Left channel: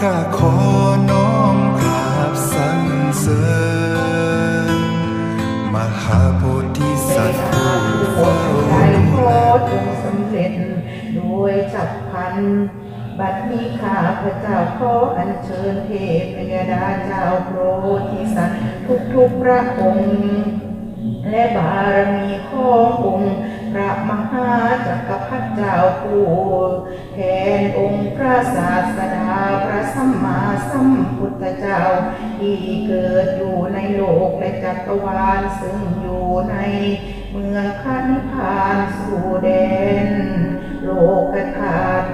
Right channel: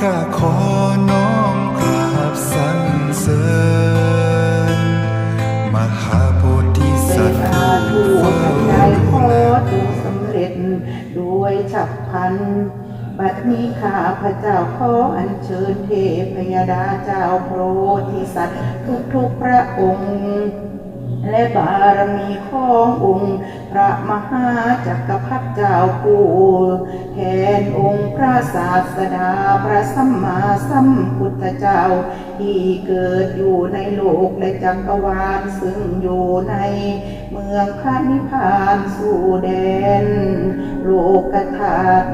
ข้าขอน้อมกราบสรรเสริญมหาโพธิสัตว์ผู้เฝ้าดูแลดูสำเร็จด้วยฉับพลัน บัดนี้ข้าพระเจ้าขออัญเชิญเทพยดาเจ้าโพธิสัตว์ทุกๆพระองค์ และบารมีขององค์พระมหาจักรพรรดิเจ้าผู้แทนองค์พระศาสดาพระสัมมาสัมพุทธเจ้า ที่เกิดอยู่ในโลกและจักรวาลซึ่งอยู่ในเมืองพระนิพพานสู่แดน โลกธาตุ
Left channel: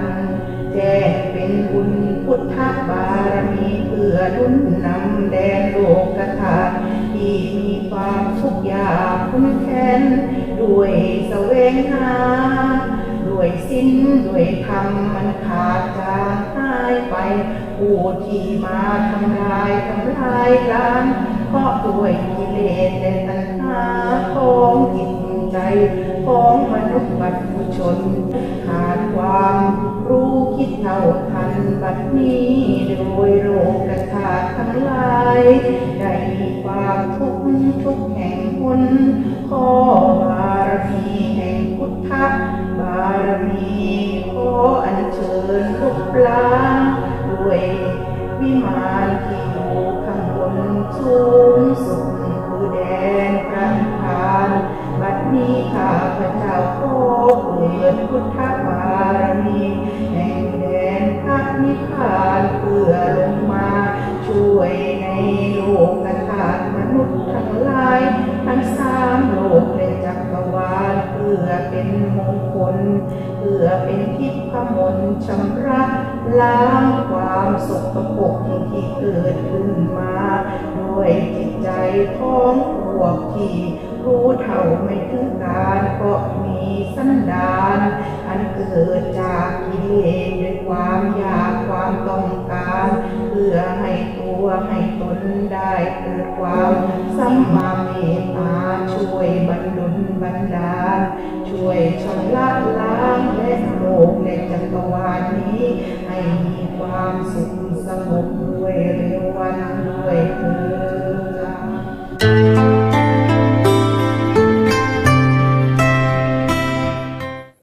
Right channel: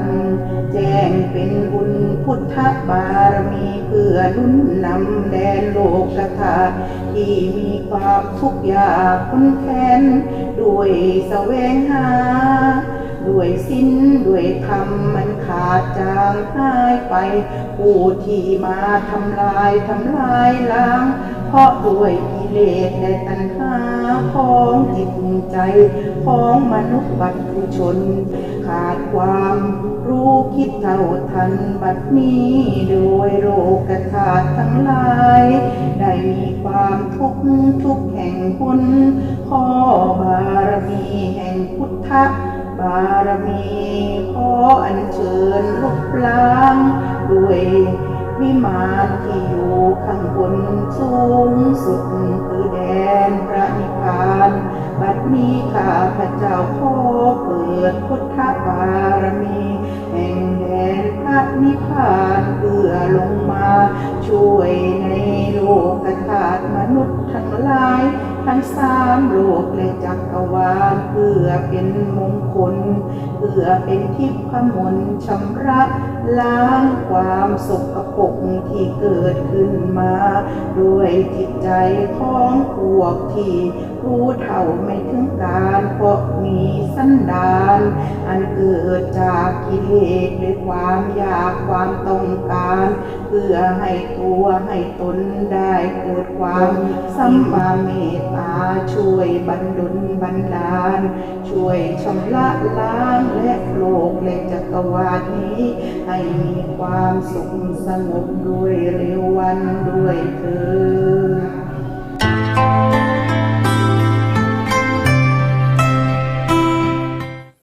แจ้งเป็นบุญพุทธบารมีเพื่อหนุนนำแดนโลกธาตุที่ ความทุกข์ยากคุ้นแค้นด้วยแสวงหา ด้วยสิ้นด้วยธรรมมันขาดจางหายไป ผู้ที่มาทำลายทำลายล้างเพราะด้วยกิเลสและตัณหาของจิตใจ ของมนุษย์วัฏชน ขาดความ เท่าทันบัดนี้โดยโรคธาตุทั้งหลายได้มีความทุกข์ทุกแห่งพุนขอบารมีแห่งพุทธบารมีขออัญเชิญรูปล้างด้วยวิมานที่อยู่ข้างบนสูงสุดคือแดนพระนิพพานบัดนี้ข้าพระเจ้าขอเปิดพุทธบาร พระนิพพานเพื่อลงมา ช่วยในโลกธาตุมนุษย์ทั้งหลาย ทั้งสามโลกและจักรวาลเพื่อเป็นมงคล เพื่อเป็นทิพมนต์ชำระล้างความสกปรกที่เกิดขึ้นมา ด้วยจิตใจของพวกที่รู้เท่าไม่ถึงการเพราะมีสันดาน อันเกิด ดจากกิเลสด้วยความอยากความต้องการ เพื่อให้ตัวให้ตนได้เกิดความสัมมาเมตตาช่วยบรรดุลบันดาล ช่วยชำระล้างและโลกและจักรวาลนี้ ให้มีความสุขสงบด้วยเร็ววันด้วยเถิด